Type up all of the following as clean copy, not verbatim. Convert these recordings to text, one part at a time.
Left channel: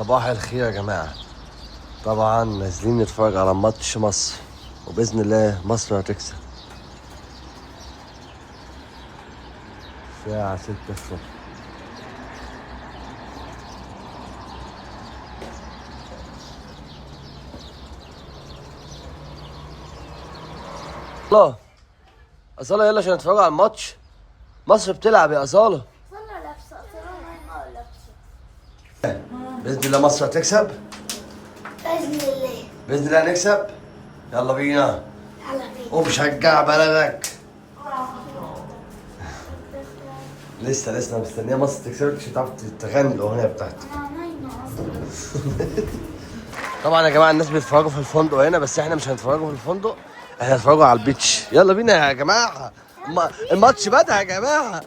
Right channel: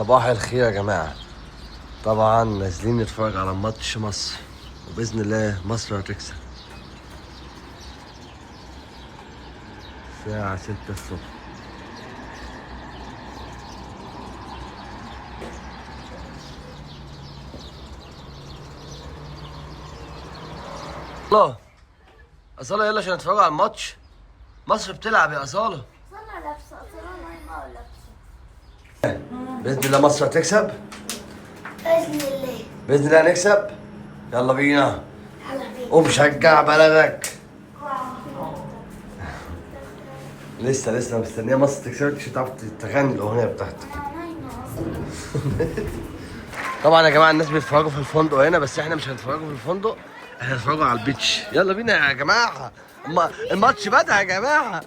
صباح الخير يا جماعة. طبعا نازلين نتفرج على ماتش مصر، وبإذن الله مصر هتكسب. الساعة 6 الصبح. الله أصالة، يلا عشان نتفرج على الماتش. مصر بتلعب يا أصالة. بإذن الله مصر هتكسب. بإذن الله. بإذن الله هنكسب. يلا بينا. ومشجع بلدك. لسه مستنيه مصر تكسب عشان تعرف تغني الاغنيه بتاعتك. طبعا يا جماعه الناس بيتفرجوا في الفندق هنا، بس احنا مش هنتفرجوا في الفندق، احنا هنتفرجوا على البيتش. يلا بينا يا جماعه، الماتش بدأ يا جماعه.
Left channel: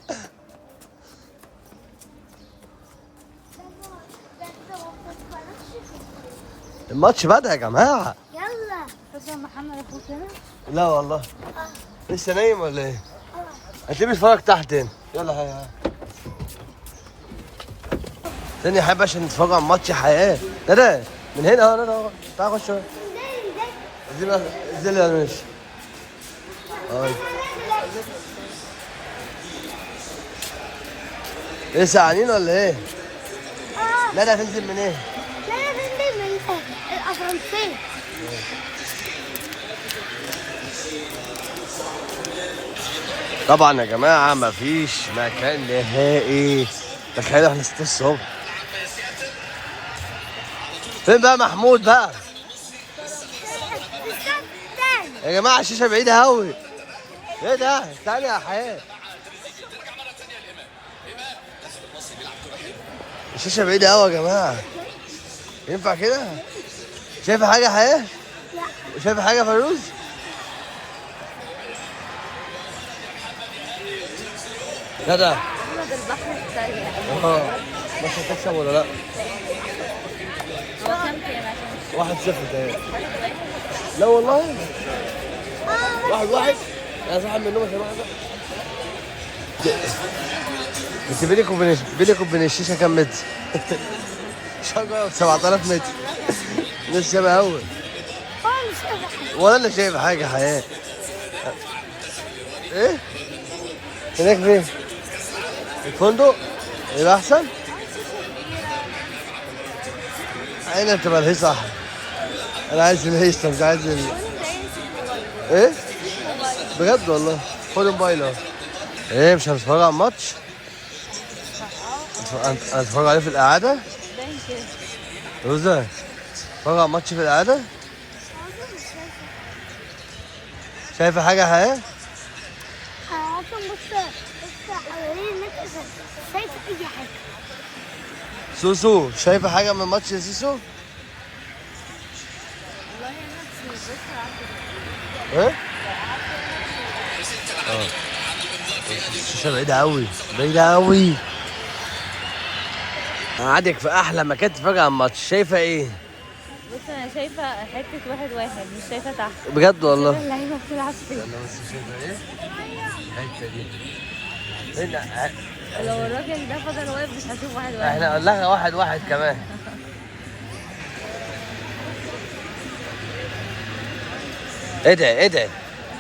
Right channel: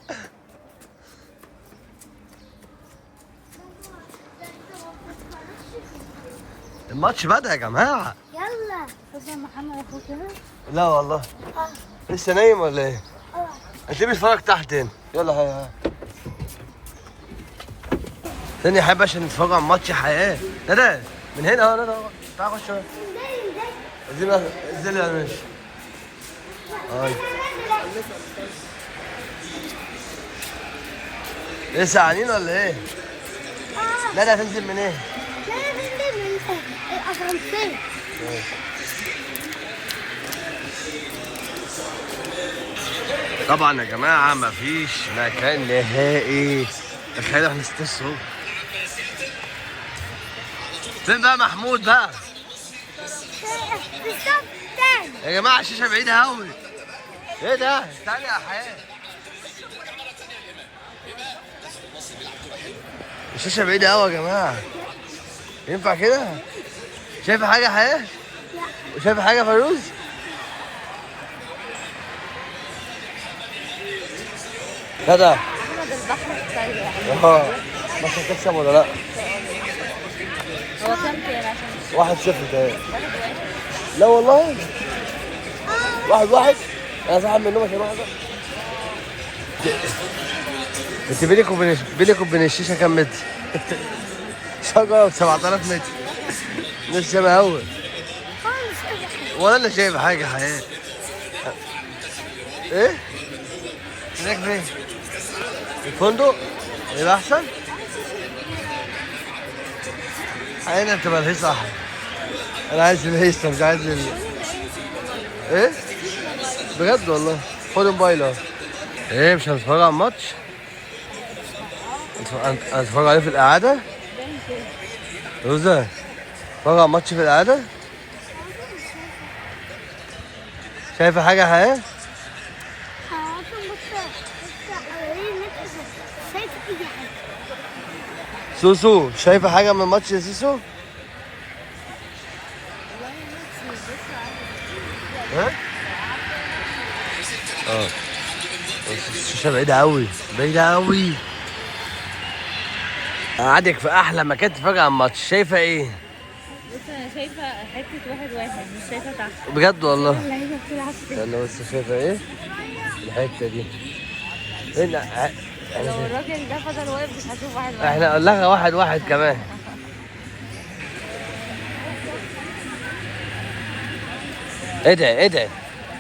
الماتش بدأ يا جماعه. يلا بس محمد اخوك هنا. لا والله لسه نايم ولا ايه؟ انت بتتفرج تحت هنا. يلا هيا ثانية يا حبيبي عشان نتفرج على ماتش حياة. ندى من هنا اهو، ندى اهو، تعال خش. انزل يا ماشي. هاي ايه ساعانين ولا ايه؟ ندى هتنزل من ايه؟ لا يا فندم من الاسانسير. طبعا يا جماعة مفيش مكان نهائي. تخيلوا احنا 6 الصبح. فين بقى محمود بقى؟ يا جماعة الشاشة بعيدة أوي. ايه ده؟ استنى يا حياة. الشاشة بعيدة أوي يا جماعة. ينفع كده؟ شايفة حاجة يا حياة؟ لا. شايفة حاجة يا فيروز؟ ندى احمد البحر السريع. مش هتكسب ولا لا؟ هو كام عشان 1-0 تاني. لا والله 1-1. انا صاحب من النوم عشان 1-1. انت بينك وبين الشيشه كام متر؟ شجره 7000 متر. مش شبه اول ولا انا شايف حاجه حياه. ايه؟ هناك فين؟ الفندق؟ يبقى احسن؟ عيني بتبقى الهيصه احلى. انا عايز الهيصه مش عايز ايه؟ بجد والله. خد موبايل اهو. ايه مش هنتفرج على الماتش؟ هنتفرج عليه في القعده؟ روزا نتفرج على الماتش في القعده؟ شايفه حاجه حياه؟ شايفه اي حاجه. سوسو شايفه حاجه من الماتش يا سوسو؟ والله نفسي بص. ايه؟ الشاشة بعيدة أوي، بعيدة أوي. قعدك في أحلى مكان تتفرج على الماتش. شايفة إيه؟ بص انا شايفه حته واحد مش شايفه تحت. بجد والله. اللعيبه بتلعب فين؟ أنا بس شايفة إيه؟ الحتة دي. هنا لو الراجل ده حاجه واقف مش هشوف واحد. إحنا قلنا 1-1 كمان. ادعي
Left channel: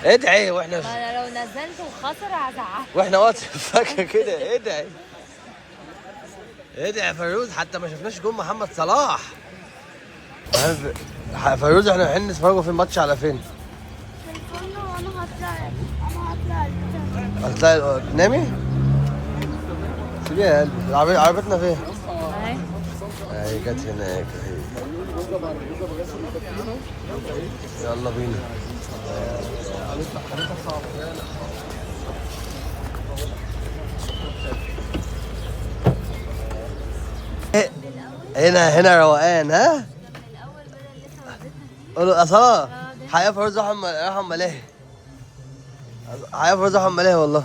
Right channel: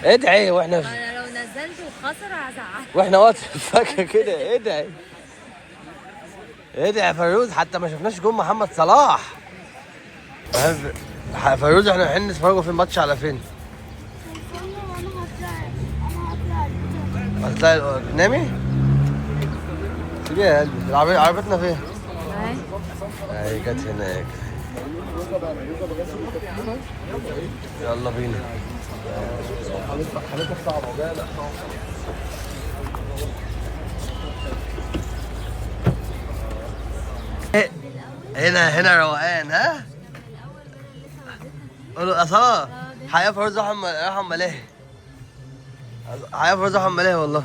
ادعي واحنا انا لو نزلت وخسر هزعل. واحنا وقت الفجر كده. ادعي يا فيروز، حتى ما شفناش جون محمد صلاح. فيروز احنا رايحين نتفرجوا في الماتش على فين؟ هتلاقي تنامي؟ سيبيها يا قلبي. عربيتنا فين؟ اهي جت هناك. يلا بينا. هنا روقان. ها؟ قولوا اصلا حياة فيروز راحوا ملاهي. حياة فيروز راحوا ملاهي والله.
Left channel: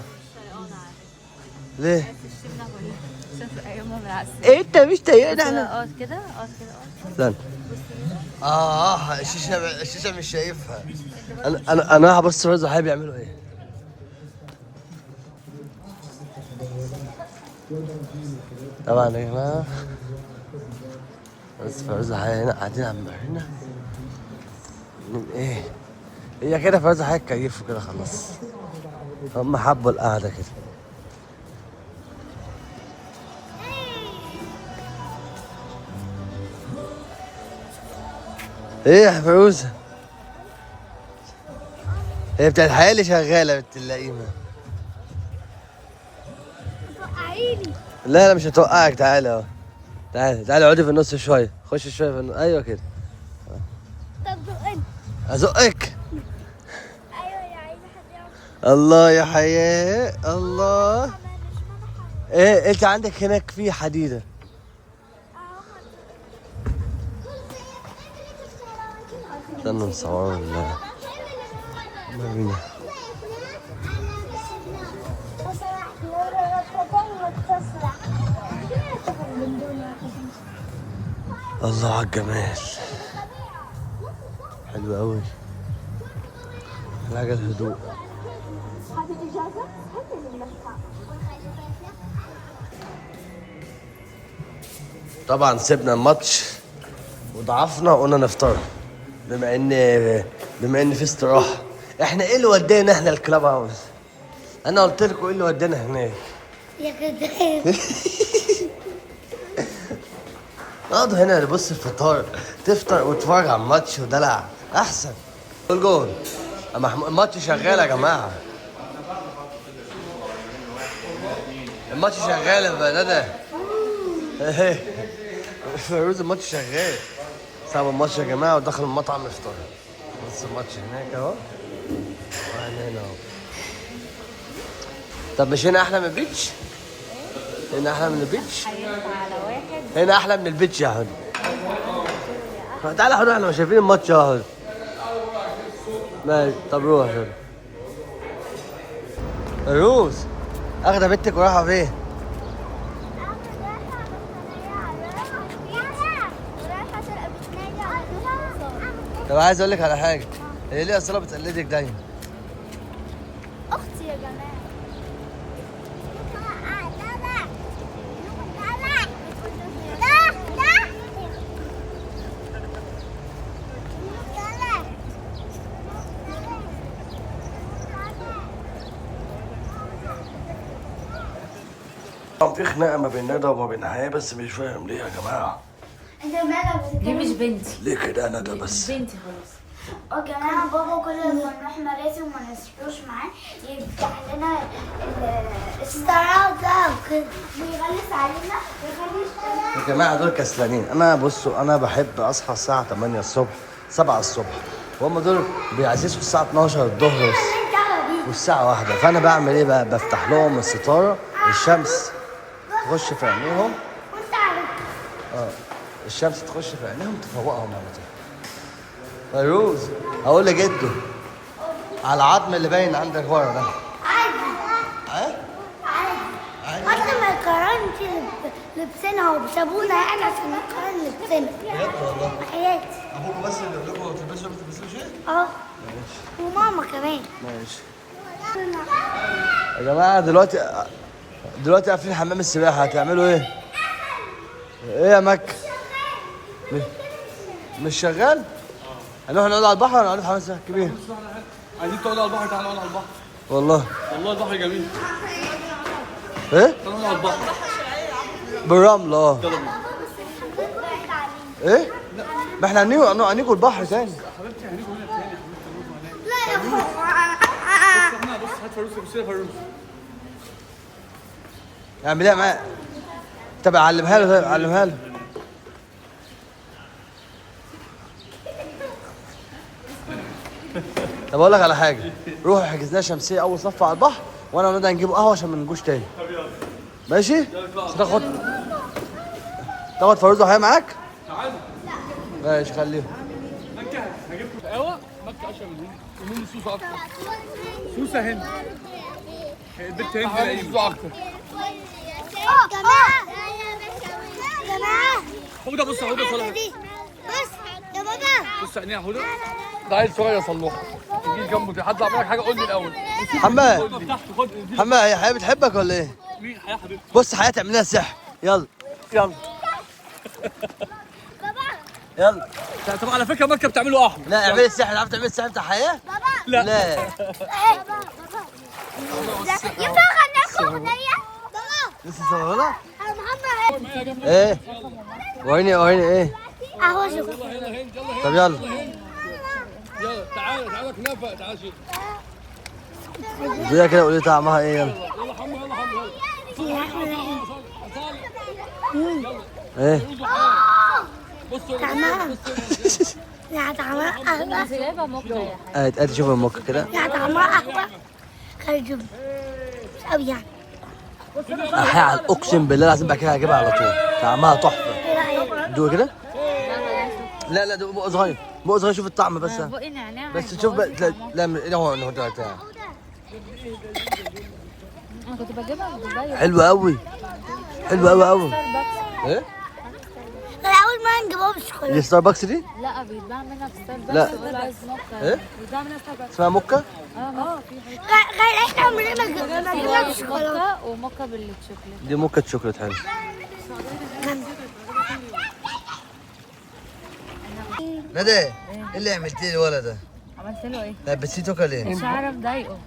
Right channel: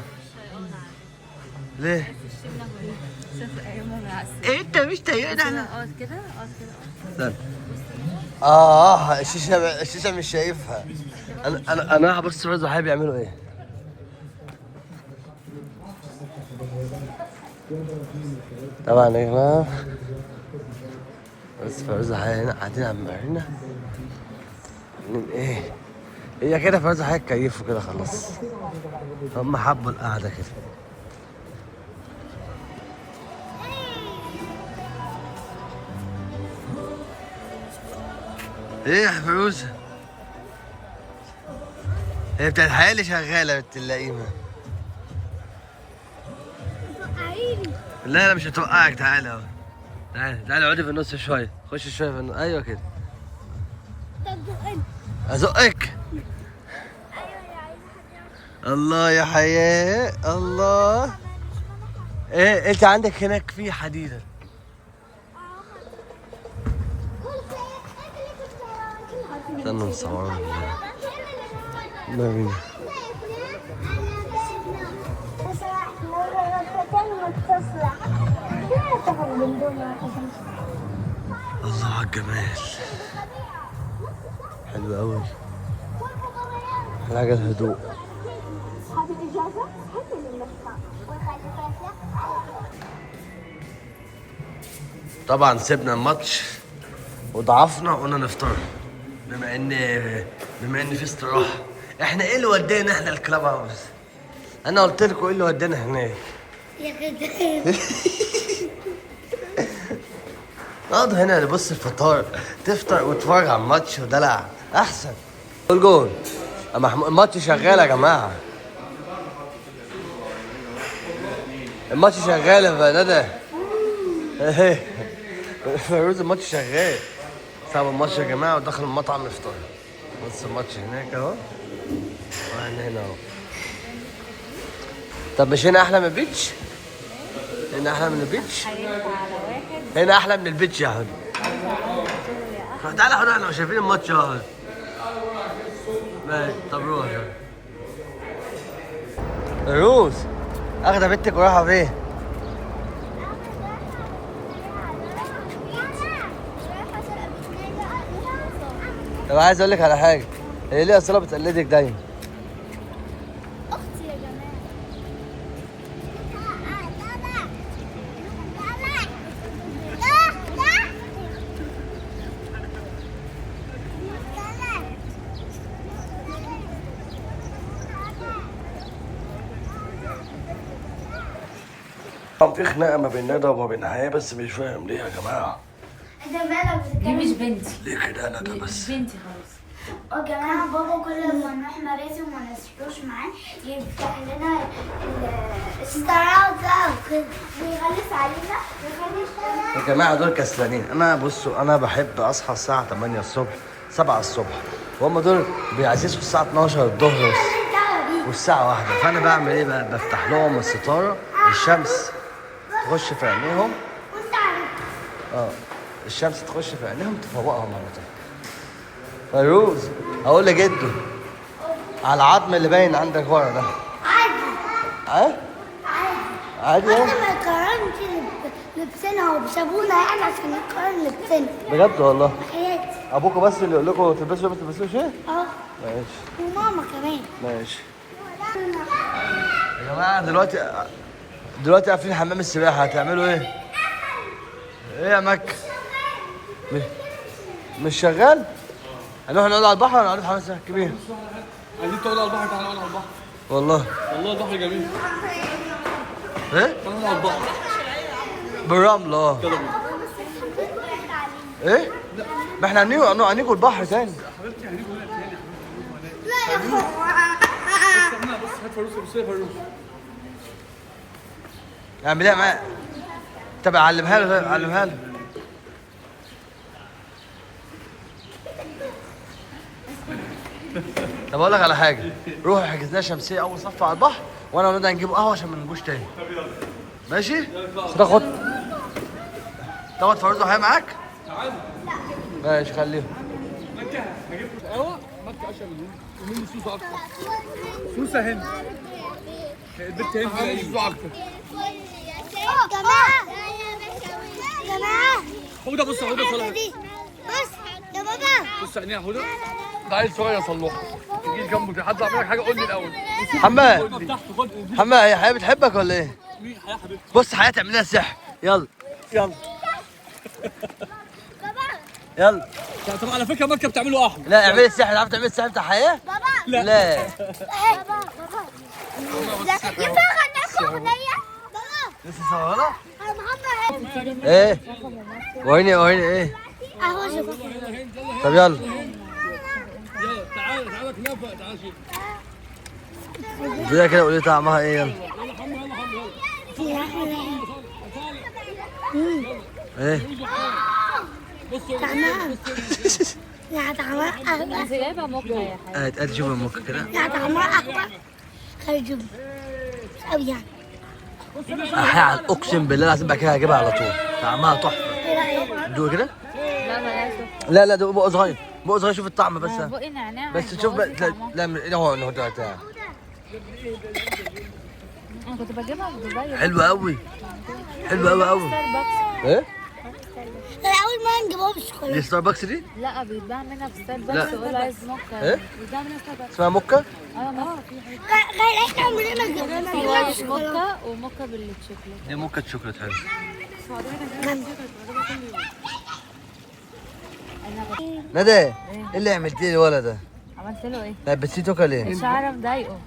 ليه؟ ايه انت مش طايقنا احنا؟ اقعد كده. لا الشيشه مش شايفها. انا هبص فيروز وحياة بيعملوا ايه. طبعا يا جماعه بس فوزة هنا قاعدين على المارينا من ايه؟ هي كده فوزة هيتكيفوا كده خلاص. هم حبوا القعدة كده. ايه يا فوزة؟ هي بتاعت الحياة اللي شغالة بنت اللئيمة. توقعيني. لا مش هتوقعك، تعالى اهو. تعالى اقعدي في النص شوية، خش شوية في النص، ايوه كده. طب زقني. ازقك؟ ايوه يا عايزه حد يعرف. الله يا حياة الله. مش معنى حاجه. ايه انت عندك هناك في حديدة. استنى نصور مارينا. الله على الجمال، حلو قوي. حاجة الهدوء. طبعا سيبنا الماتش وضعفنا وقلنا نفطر بما ان في استراحه. احنا ايه اللي ودانا احنا الكلاب هاوس؟ انا قلت لكم ايه اللي ودانا هناك. يا كده. نقعد هنا نبص الفطار، تفطر وتتفرج على الماتش ودلع احسن. جول الماتش شغال يا جماعه. الماتش شغال يا ندى. فيروز الماتش شغال. ساب الماتش يا جماعه ودخل المطعم يفطر. بص الماتش هناك اهو واحنا هنا اهو. طب مش هنا احلى من البيتش؟ هنا احلى من البيتش؟ هينفع على واحد. هنا احلى من البيتش يا حبيبي. تعالى يا حبيبي احنا مش شايفين الماتش اهو. ماشي طب روح يا حبيبي. فيروز اخده بنتك ورايحه فين؟ طب عايز اقول لك على حاجه، هي ليه اصلا بتقلدك دايما؟ اختي يا جماعه. طبعا في خناقه ما بين ندى وما بين حياه، بس مش فاهم ليه يا جماعه. دي مش بنتي. ليه كده يا ندى مش بس؟ بنتي خالص. يا جماعه بابا كل ما نروح مراسي وما نسيبوش معاه يفتح لنا الستارات ده وكده ويغلس علينا ويخلي يا جماعه دول كسلانين. انا بصوا انا بحب اصحى الساعه 8 الصبح 7 الصبح، وهم دول بيعززوا الساعه 12 الظهر والساعه 1. فانا بعمل ايه بقى؟ بفتح لهم الستاره، الشمس تخش في عينيهم. وانت عارف الشمس تخش في عينيهم تفوقهم على طول. فيروز هقول لجده على العظم اللي باين عندك ورا ده. عادي عادي عادي عادي حتى ما يقارنش لبسنا وبسابونا يعني عشان نقارن لبسنا. بجد والله. حياتي ابوكوا بس اللي يقول لكم تلبسوا ما تلبسوش ايه؟ اه ماشي وماما كمان. ماشي. يا جماعه دلوقتي قافلين حمام السباحه، هتعملوا ايه؟ ايه يا مكة؟ مش شغال؟ هنروح نقعد على البحر ولا نقعد في حمام السباحه الكبير؟ عايزين تقعدوا على البحر؟ تعالوا نقعد على البحر. والله والله البحر جميل. ايه؟ تعالوا نقعد على البحر. بالرمل اه. يلا بينا. ايه؟ ما احنا هنيجوا البحر تاني. لا يا اخويا. بص هات فاروس، بص يا فاروس. اعمل ايه معايا؟ طب علمها له، علمها له. طب اقول لك على حاجه، روح احجز لنا شمسيه اول صف على البحر، وانا وندى هنجيب قهوه عشان ما نجوش تاني. ماشي؟ تاخد فاروز وحياه معاك؟ تعالوا. ماشي خليهم. مكة هجيب لكم قهوة. مكة أشهر من هنا ومين سوسة أكتر. سوسة هند. البنت هند نايمة. جماعة حودة بص، حودة صلاح. بص يا بابا. بص عينيها حودة. ده عيل صغير صلوح. تجي جنبه حد عمل لك حاجة قول لي الأول. حماد تحت خد. حماد، هي حياه بتحبك ولا ايه؟ مين حياة حبيبتي؟ بص حياه تعمل لنا سحر. يلا يلا. بابا يلا. طب على فكره مكه بتعملوا احمر. لا اعملي السحر، عارف تعملي السحر بتاع حياه؟ بابا لا ينفع اغنيكم اغنيه؟ بابا لسه صغيره. محمد ايه وريني ايه. اهو شوف. طب يلا يلا تعالى كنافه تعالى شيل. زي كده قولي طعمها ايه. يلا يلا حمو يلا. ايه بصوا لا طعمها احلى. انت جايبه موكا يا حبيبي. ادي شوف الموكا كده. لا طعمها احلى. خرجوا أوي يعني. اقسم بالله العظيم بقى كده هجيبها على طول، طعمها تحفه. دوق كده. لا دوق بق صغير، بق صغير شوف الطعم بس. بقي نعناع بس شوف بقى. لا من هو ده انا كنت بجيبها في دبي. حلو قوي، حلو قوي. ايه لا أول ما نجيبها بالشوكولاتة. دي ستاربكس دي؟ لا بيتباع منها في ستاربكس. لا. بيقول عايز موكا. ايه؟ بيتباع منها ستاربكس. اسمها موكا؟ في حاجه غير احنا عمرنا ما جبنا بالشوكولاتة. موكا وموكا بالشوكولاته. دي موكا شوكليت حلو. ندى ايه اللي عملتي لي الولد ده؟ عملت له ايه؟ لبستيه توكا ليه؟ شعره مضايقه.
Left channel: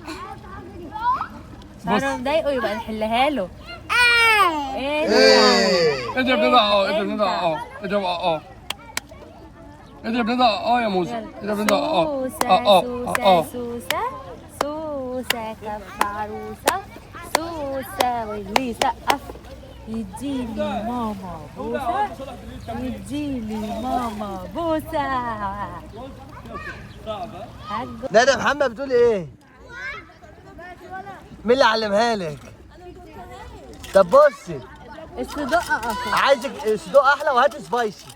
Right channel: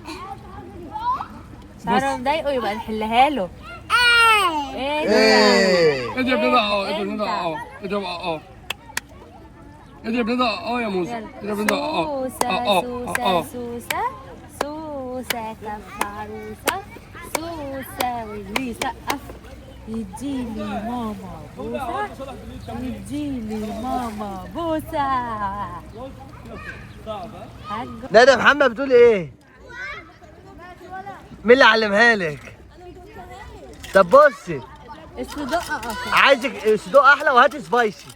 شعره مضايقه يبقى نحلها له. ايه ده؟ ايه اضرب لنا اضرب لنا اضرب اضرب لنا يا موسى. اضرب لنا سوسة سوسة سوسة كف عروسة سوسة واللي سقف يديلي ماما بوسة يديلي ماما بوسة. ندى محمد بتقول ايه؟ مين اللي علمها لك؟ طب بصي الصدق اصلا. عايزك صدوق احلى وهاتي سبايسي.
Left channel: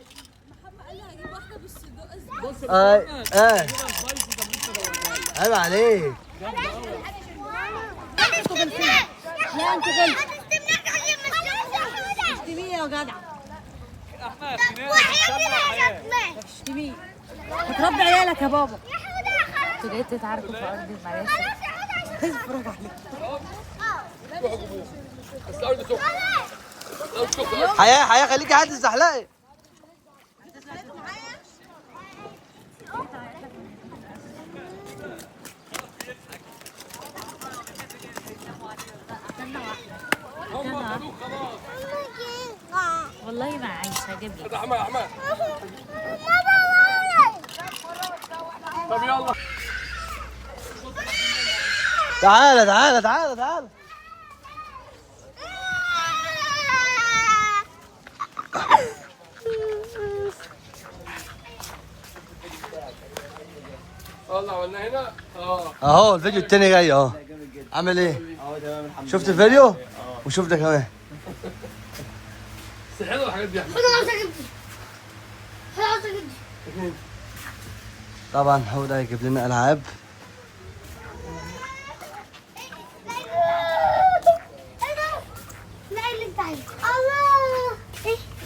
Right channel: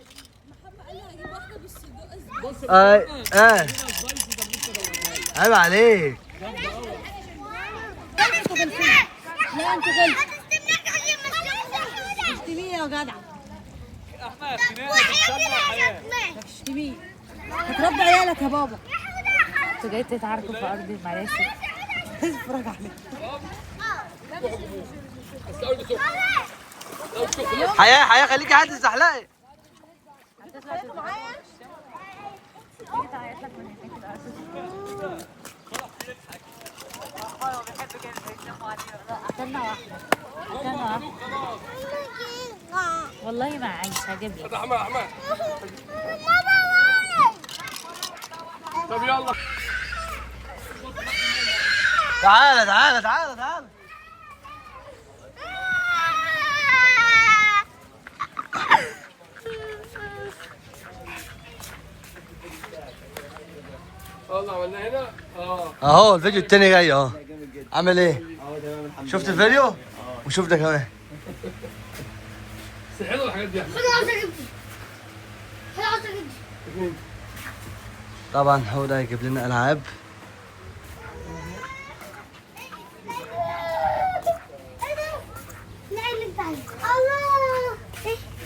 عيب عليك. لا انت غلط. اشتميه يا جدع. اشتميه. هتربي عيالك يا بابا. انتوا جايين تتعاركوا في ارض المعيشه. اتفرج عليك. حياة خليكي حد الزحلقه. استنى واحدة. والله ما عايش هجيب لك. طب يلا تعالى يلا عملنا هنا اهو الفيديو التاني جاي اهو. عامل ايه؟ شفت الفيديو؟ وشوف ده كمان. بس حلوه الحاجات دي يا احمد. طبعا هو ده هيجيب لنا العاب.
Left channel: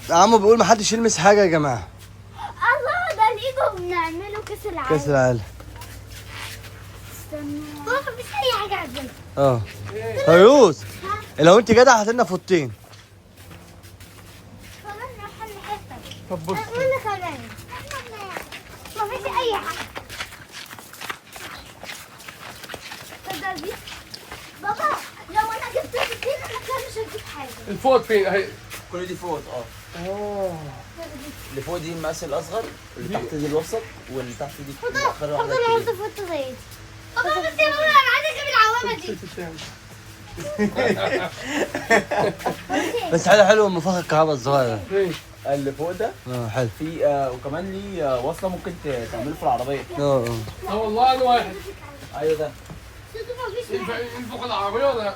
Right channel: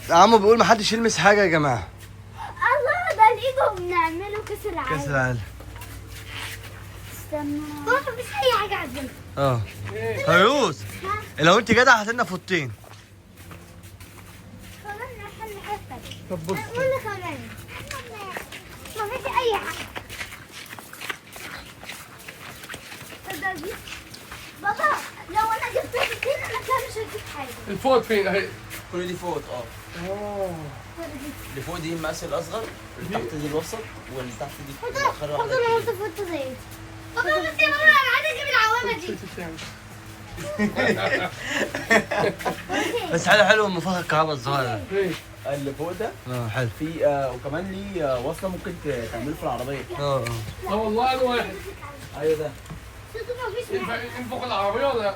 عمو بيقول ما حدش يلمس حاجه يا جماعه. الله ده الايجو بنعمله كاس العالم. كاس العالم. استنى بابا مفيش اي حاجه عندنا. فيروز لو انت جدع هات لنا فوطين. كمان نحل حته. طب بص قول لي كمان مفيش اي حاجه. تصدق بابا لو انا جبت فوطين انا كده مش هجيب حاجه. الفوط فين اهي؟ كل دي فوط اللي فوق دي المقاس الاصغر، اللي تحت دي الوسط، واللي تحت دي خد انا قلت فوطه زي دي. بابا بس يا بابا انا عايز اجيب العوامه دي. بس حلو المفخ الكهرباء الصغير فين؟ اللي فوق ده حلو. في وكمان ليه وصله ممكن تعمله في العربيه. والله انا واحد. ايوه ده ينفخ العربيه ولا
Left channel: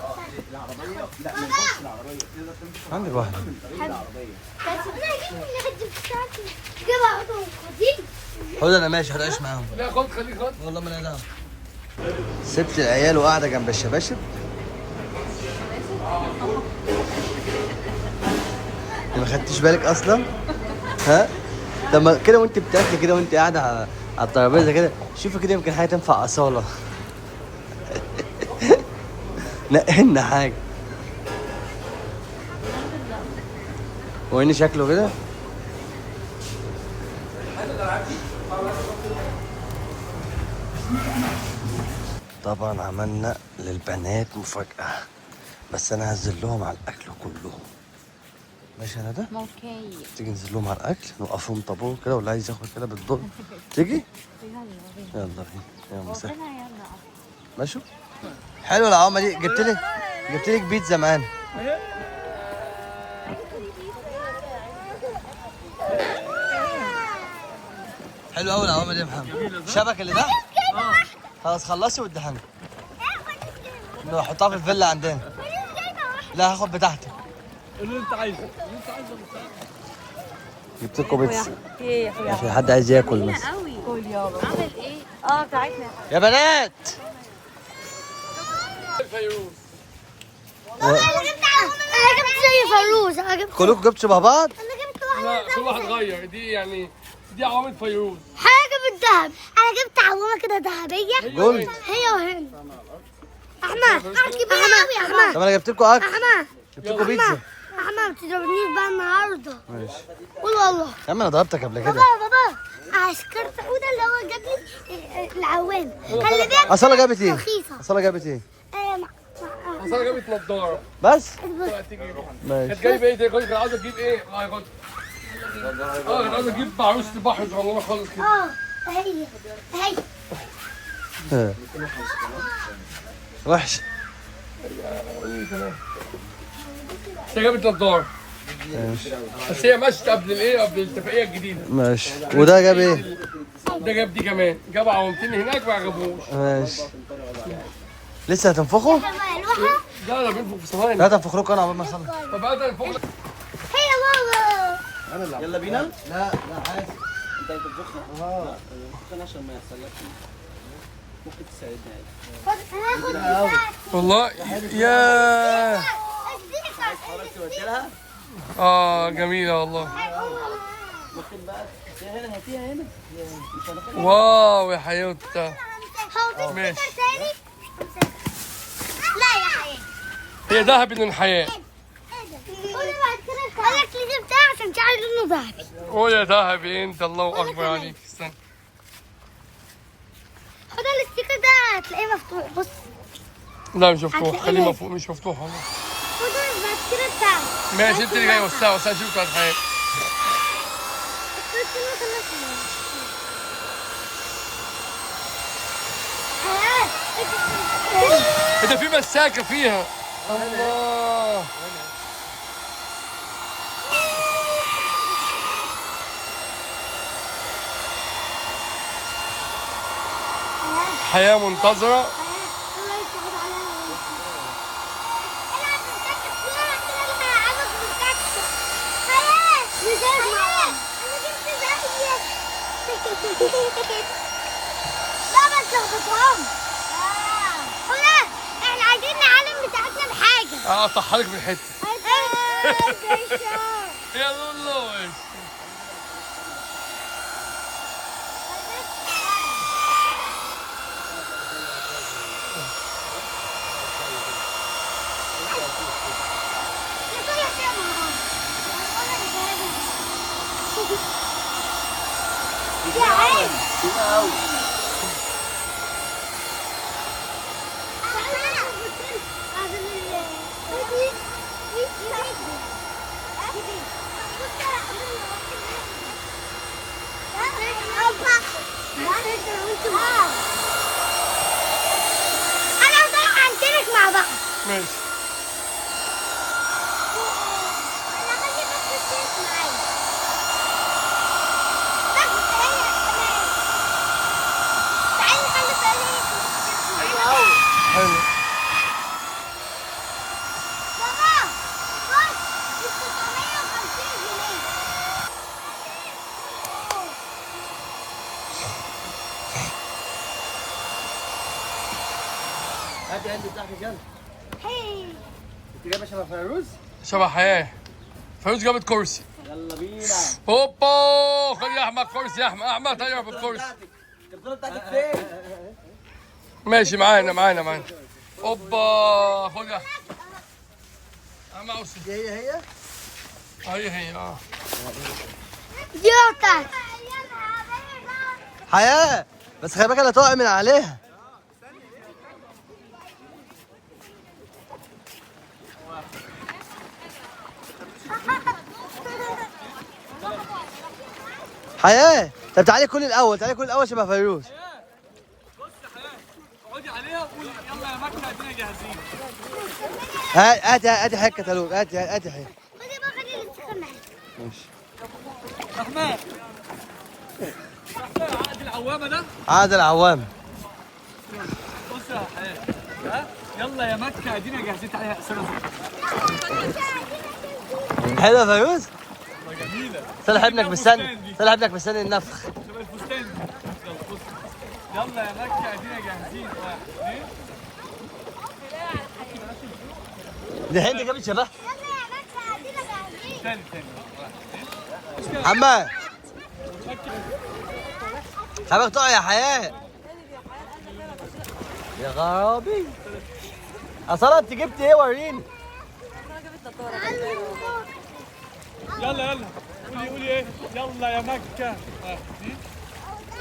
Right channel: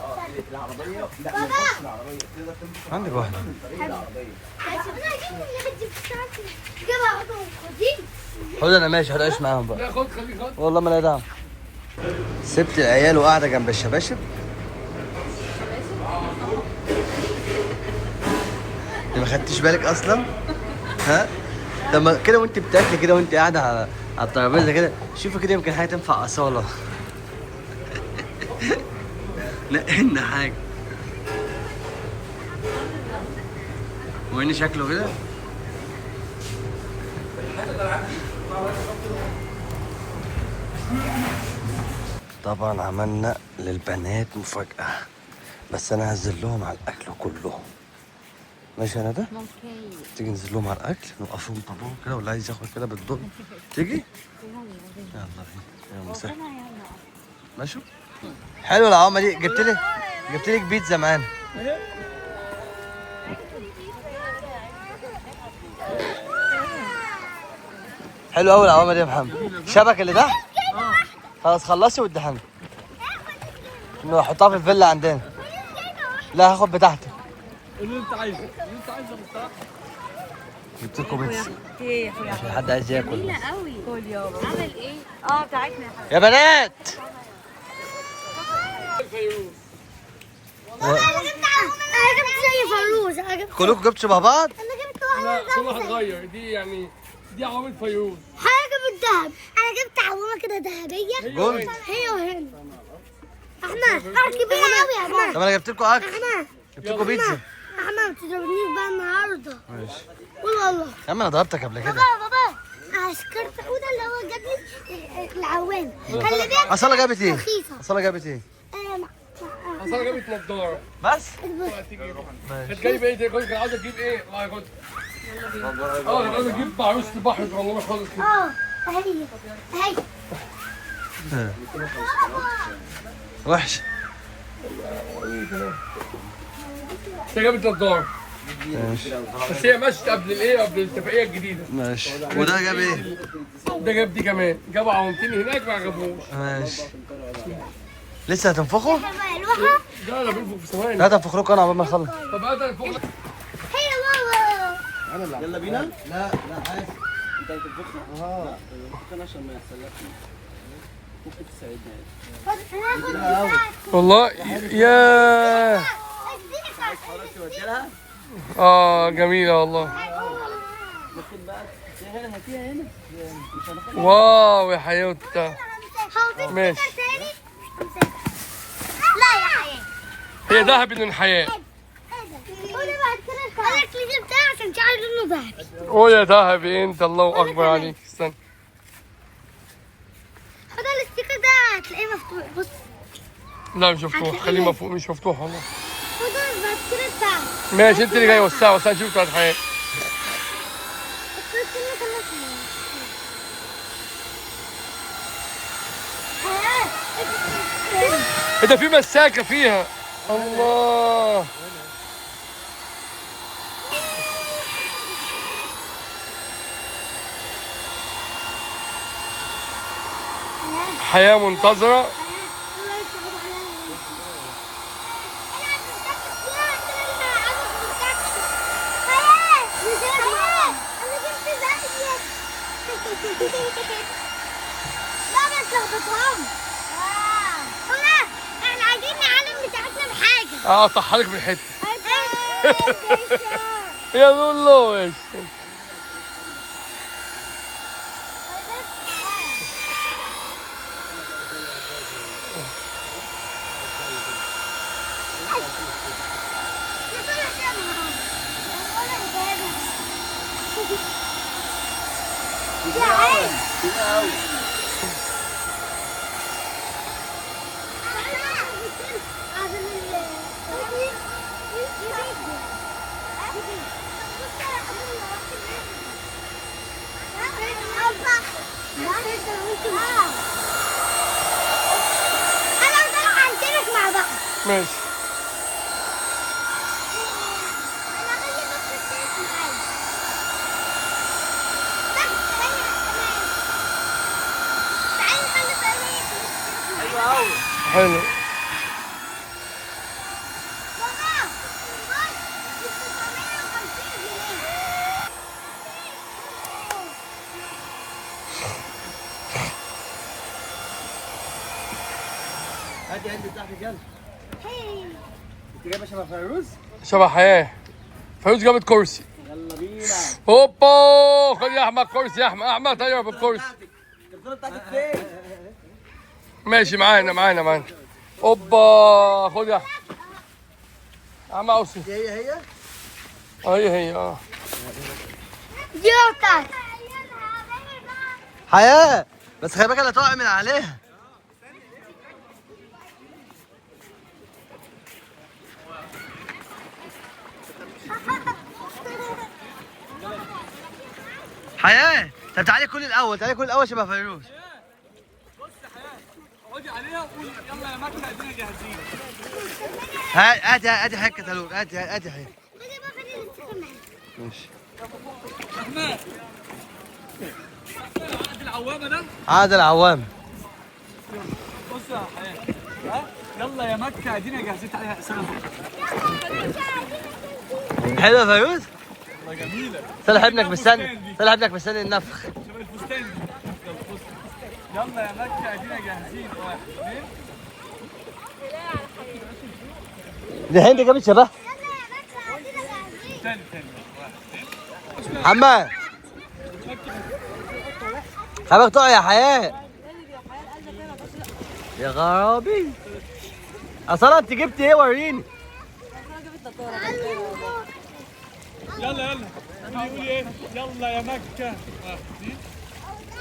العربيه. لا ما ينفعش العربيه، تقدر تمسك عندك واحد من طريق العربيه. بس انا هجيب من هدي بتاعتي. جيبها اخدهم خدي. خد انا ماشي هتعيش معاهم بقى. لا خد خليك خد. والله ما لا دعوه. سبت العيال وقاعده جنب الشباشب. ما خدتش بالك اصلا؟ ها؟ طب ما كده وانت بتاكلي كده وانت قاعده على الترابيزه كده، شوفي كده يمكن حاجه تنفع اصاله. نقلنا حاجه. وين شكله كده؟ طبعا عملنا للبنات مفاجأة، بس انا هنزل لهم على الاكل كلهم. ماشي يا ندى؟ اوكي. تيجي ننزل لهم على الاكل نوقفهم طابور كده، واللي عايز ياخد كده بالدور تيجي. يلا يلا مساء. ماشي. حلو العوامه دي. جبت لك بيتزا معانا. حلو قوي العوامه دي يا محمد. الشبكه اللي تحت خلاص خلصي واديها لنا نحطها في الفيلا عندنا. لا هاخد بتاعتك. اللي انت عايزه اللي انت عايزه جبت لكم بيتزا. ايه يا اخويا؟ في حد عايز ياكل جميلة بس. قوي. قول يابا. عامل ايه؟ بتاعتنا يا بنات الفيروز. انا جبت زي فيروز. انا جبت كلكم جبتوا شبه بعض. لا كل واحد غير. دي يعني دي عوامل فيروز. حاجه بالذهب. انا جبت عوامه كده ذهبيه. جولد. هي وهنا. احمد كبيره قوي يا احمد. طب انا جبت لكم اكل. احمد جبت لكم بيتزا. احمد ما تضربنيش بقى النهارده. ماشي. قول والله. يا عم انا ضربتك قبل كده. بابا عسكرت حوده اللي هو جاب لي العوام. خلي بالك. اصاله جابت ايه؟ رخيصه. اصاله جابت ايه؟ اصل انا جابت نضاره. بس تيجي ماشي. كانت جايبه ايه؟ كنت عاوز اجيب ايه؟ الله ياخد. كنت عاوز اجيب عروسه بحر والله خالص كده. هي وحش. بس جابت نضاره. بس هي مشت قبل الايه؟ قبل الاتفاقيه الجديده. ماشي. وده جاب ايه؟ ده جاب دي كمان. جاب عوامتين هناك ما عجبوش. ماشي. لسه هتنفخوا؟ الواحه. ده انا بنفخ في ثواني. لا تنفخوا انا عقبال ما اخلص. طب هذا فوق. هي بابا. يلا بينا؟ لا عادي. انت بتطبخنا؟ اه بتطبخنا عشان ما يحصلكش. ممكن تساعدني عادي. والله يا جميله والله. ممكن بقى هنا هاتيها هنا. مش هناخدها. واو يا حيوتة. ماشي. لا يا حياتي. هي ذهب من الحياه. قولي بعد كده قالك لي جبتها عشان تعرف انه ذهبي. قول يا ذهبي انت. الله اكبر عليك. استنى. هذا الاستيكر ده هتلاقيه مفتوح. بص. لا مش مفتوح. خليه مفوق. مش مفتوح والله. خدوا بعد كده بتاعه. ماشي انت اللي جاي وسعه وسعه. شوف بتاعت الحياه. ده في مساكه فيها. الله. حياه منتظره. لا ما تلخبطهم. احنا عايزين نعلم بتاعتنا بحاجه. اصحى لك بالحته. يا لولو. انا طالعه عندك مع بعض. ماشي. انا خلي بس الشيك معايا. تعالي خلي بالك. حلو. بابا بص 650 جنيه. هاتي بتاعتك يلا. هي انت جايبه شبه فيروز؟ شبه حياه. فيروز جابت كرسي. يلا بينا. هوبا. خد يا احمد كرسي. يا احمد ايوه بالكرسي. البطوله بتاعتك فين؟ ماشي معانا. هوبا. خد يا احمد عاوز. هي هي دي بتاعتك. حياة بس خلي بالك لا تقع من عليها. حياة طب تعالي كل الأول، تعالي كل الأول شبه فيروز. بص يا حياه اقعدي عليها وقولي يلا يا مكه ادينا جاهزين. هاتي حاجة كتالوج، هاتي حاجة. خدي بقى خلي الاستخدام معايا. ماشي. رحمن عقد العوامه ده. عاد العوام. بص يا حياه ها يلا يا مكه ادينا جاهزين. تعالي يا سنه. حلوة يا فيروز؟ والله جميله. صالح ابنك مستني، صالح ابنك مستني النفخ. شبه الفستان دي. يلا بص يلا يا مكه ادينا جاهزين. 1 2 دي هند جابت شبه. تاني 1 2 حماد خلي تقع يا حياة. يا غرابي اصلا انت جبت ايه وريني. يلا قولي ايه. يلا يا مكه. 1 2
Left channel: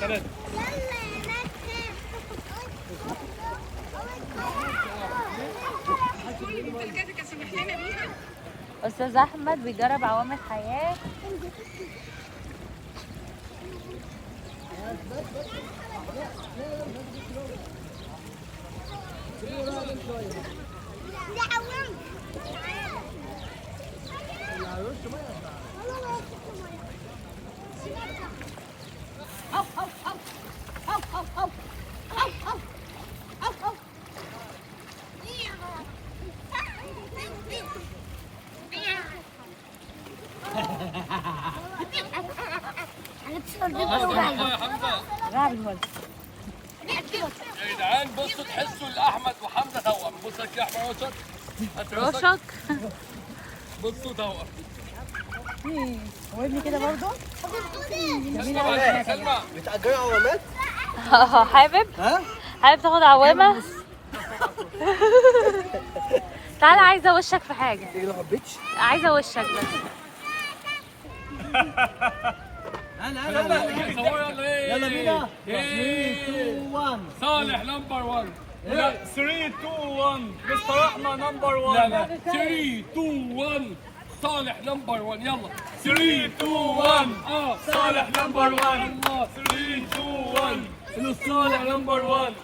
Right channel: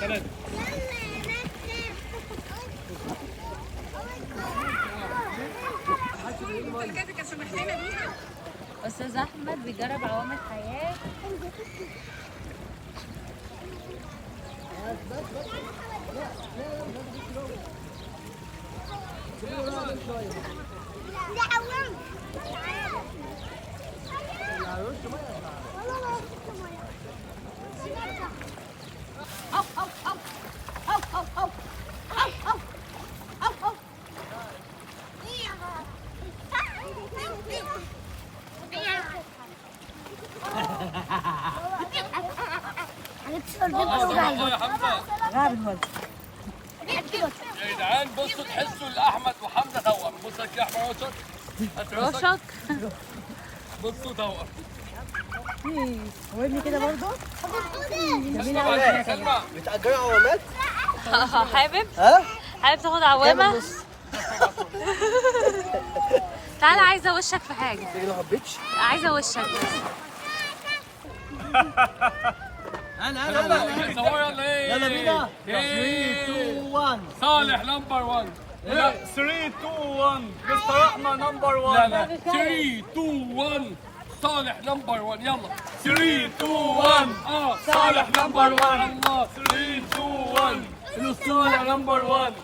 3 استاذ احمد بيجرب عوامل حياه. يا حمزه. يا جدعان بصوا تحسوا الاحمد وحمزه توأم. بص لك يا احمد رشك بصوا توأم. وابني كده برضه. سلمى بتأجروا عوامات؟ حابب ها؟ حابب تاخد عوامه؟ تعالى عايزه وشك في حاجه. تيجي ما حبيتش؟ عايزه وشك بس. يلا بينا. 3 2 1 صالح نمبر 1. لا 3 2 1 مستر احمد نمبر 1. لا 3 2 1 صالح نمبر 1. يلا 3 2 1 صالح نمبر 1. الله 3 2 1 صالح نمبر 1.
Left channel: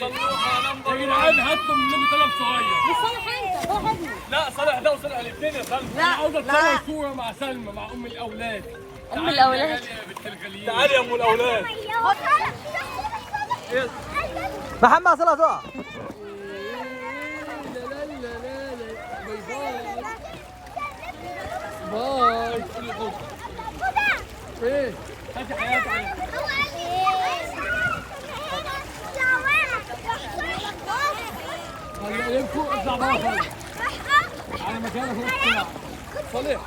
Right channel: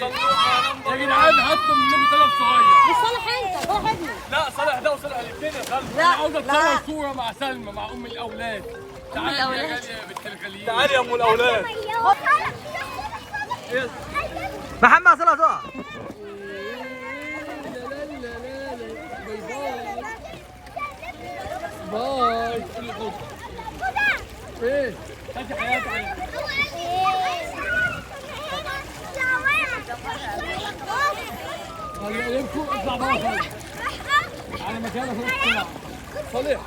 صلوحه نمبر 1. يا جدعان هاتوا منكم طلب صغير. مش صالح انت صالح ابني. لا صالح ده وصالح الاثنين يا سلمى. انا عاوز اتصور صوره مع سلمى مع ام الاولاد. ام الاولاد يا بنت الغاليين. تعالي يا ام الاولاد. محمد صلاح تقع. باي. ايه هاتي حياتي عليك. عليكم اطلع بره خالص. على مكانك هنا بسرعه. صالح يا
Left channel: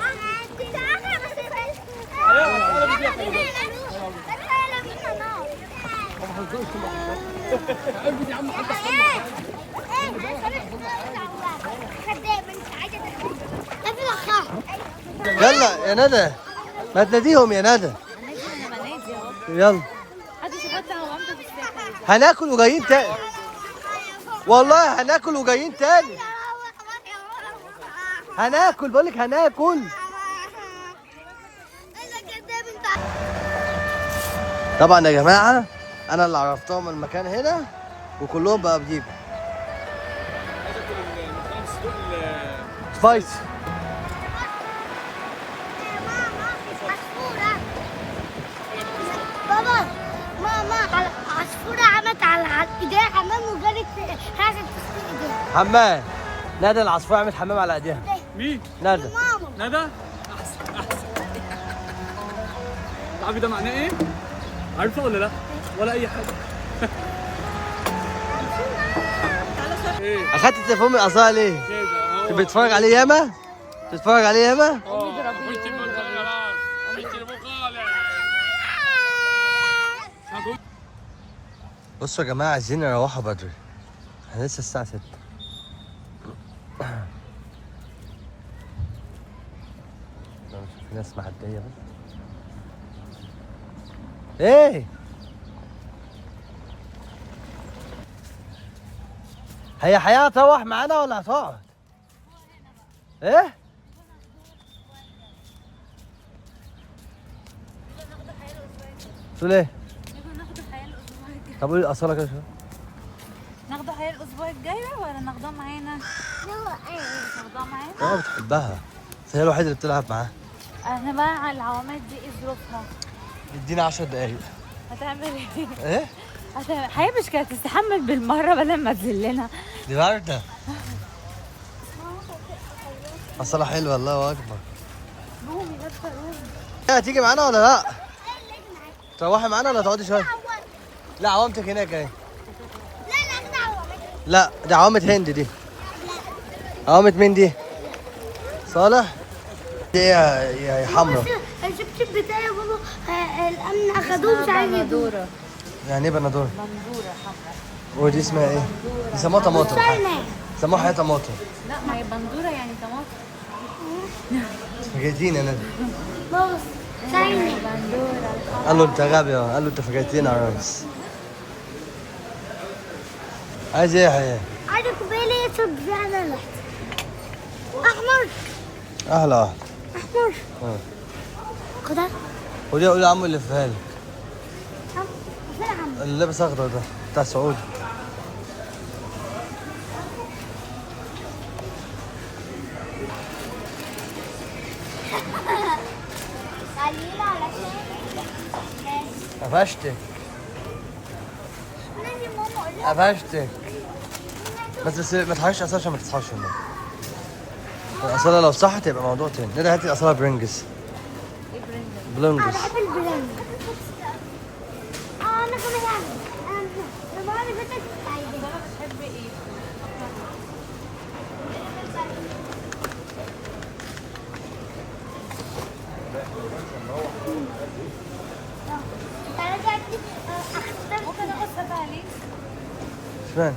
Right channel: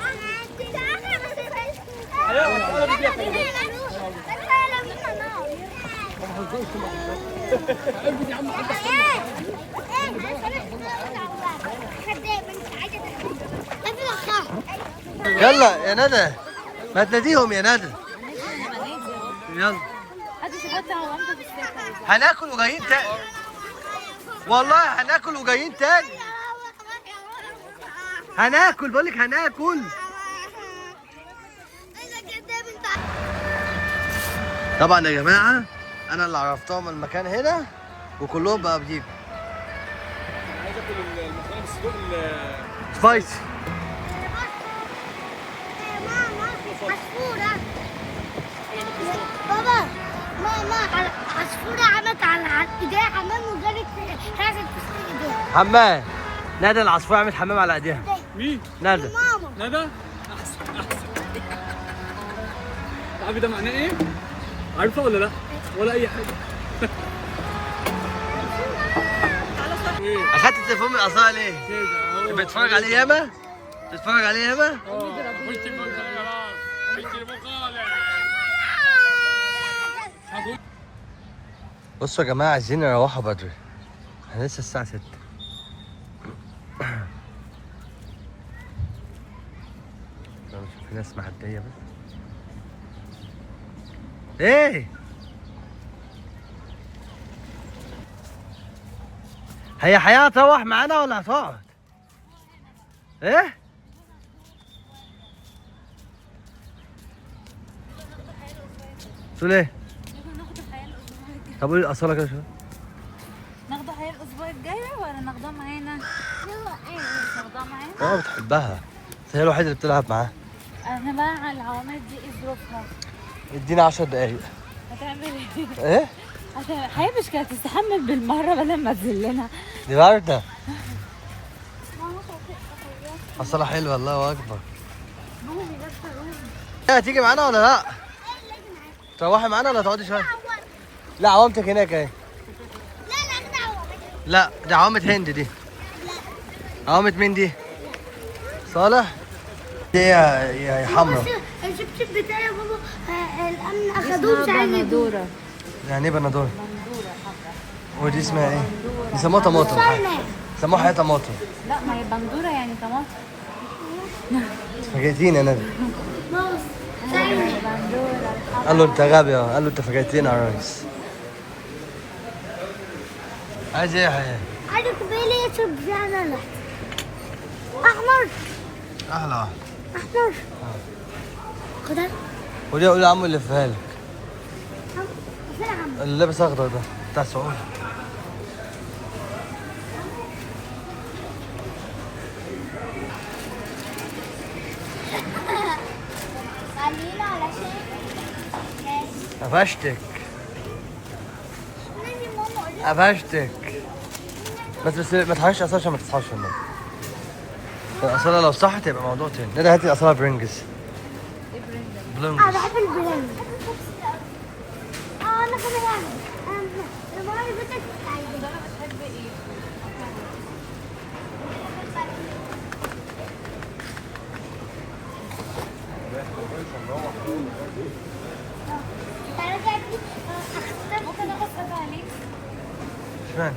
عم يلا يا ندى ما تناديهم يا ندى. يلا هاتي شوفات عوامتك في السكه. هناكل وجايين تاني، والله هناكل وجايين تاني. هناكل بقول لك هناكل. طبعا يا جماعه انا اللي عرفتهم المكان هنا وكلهم بقى بيجوا. عايز اكل المكرونه بالصدوق سبايسي. بابا ماما عصفورة عملت على ايديها حمام وجالت هرست ايديها. حمام ندى العصفور عملت حمام على ايديها. مين؟ ندى. ماما ندى؟ احسن. تعرفي ده معناه ايه؟ عارفه ولا لا؟ ولا اي حاجه. اخدت التليفون من الاصاله ليه؟ كده اهو. بتتفرج عليه ياما؟ بتتفرج عليه ياما؟ بصوا يا جماعه عايزين نروحوا بدري، احنا لسه الساعه 6. لو نشوف في ناس معديه بس. ايه هي حياة هتروح معانا ولا هتقعد؟ ايه؟ تقول ايه؟ ناخده حياة الأسبوع الجاي. طب قولي الأصالة كده شوية. ناخده حياة الأسبوع الجاي ولا ناخدها معانا؟ ناخدها معانا؟ اه بتحبها بس هي الوحيدة اللي بتلعب معاها. احنا بقى على العوامات دي ايه ظروفها؟ ادينا 10 دقايق. هتعمل ايه؟ ايه؟ حياة مش كانت تستحمل بالمرة بدل ما تذلنا. دي باردة. أصالة حلوة الله أكبر. ايه هتيجي معانا ولا لا؟ تروحي معانا ولا تقعدي شوية؟ لا عوامتك هناك اهي. لا دي عوامة هند دي. عوامة مين دي؟ صالح؟ دي يا حمرا. الشبشب بتاعي يا بابا الامن اخدوه مش عايز يدور. بندورة. يعني ايه بندورة؟ بندورة حمراء. ودي اسمها ايه؟ بيسموها طماطم. بيسموها حياة طماطم. لا ما هي بندورة يعني طماطم. فاجئتيني يا نبي. بص شاينة بندورة الحمراء. قال له انت غبي اه. قال له انت فاجئتيني يا ريس. عايز ايه يا حياة؟ عايز كوباية يشرب فعلا احمر اهلا واحد. احمر خدها قولي يا عم اللي في لك. فين يا عم؟ اللي لابس اخضر ده بتاع سعودي. قليلة علشان قفشتك نادي ماما قول قفشتك. بس ما تحركش اصلا عشان ما تصحاش في النوم. الاصاله لو صحت يبقى موضوع تاني. نادي هاتي الاصاله برنجز. ايه برنجة؟ بلونجز. انا بحب البلان انا كمان بعمل المرة اللي فاتت انا بتحب ايه؟ رجعت اخترت ممكن اخد عليك؟ اشمعنى؟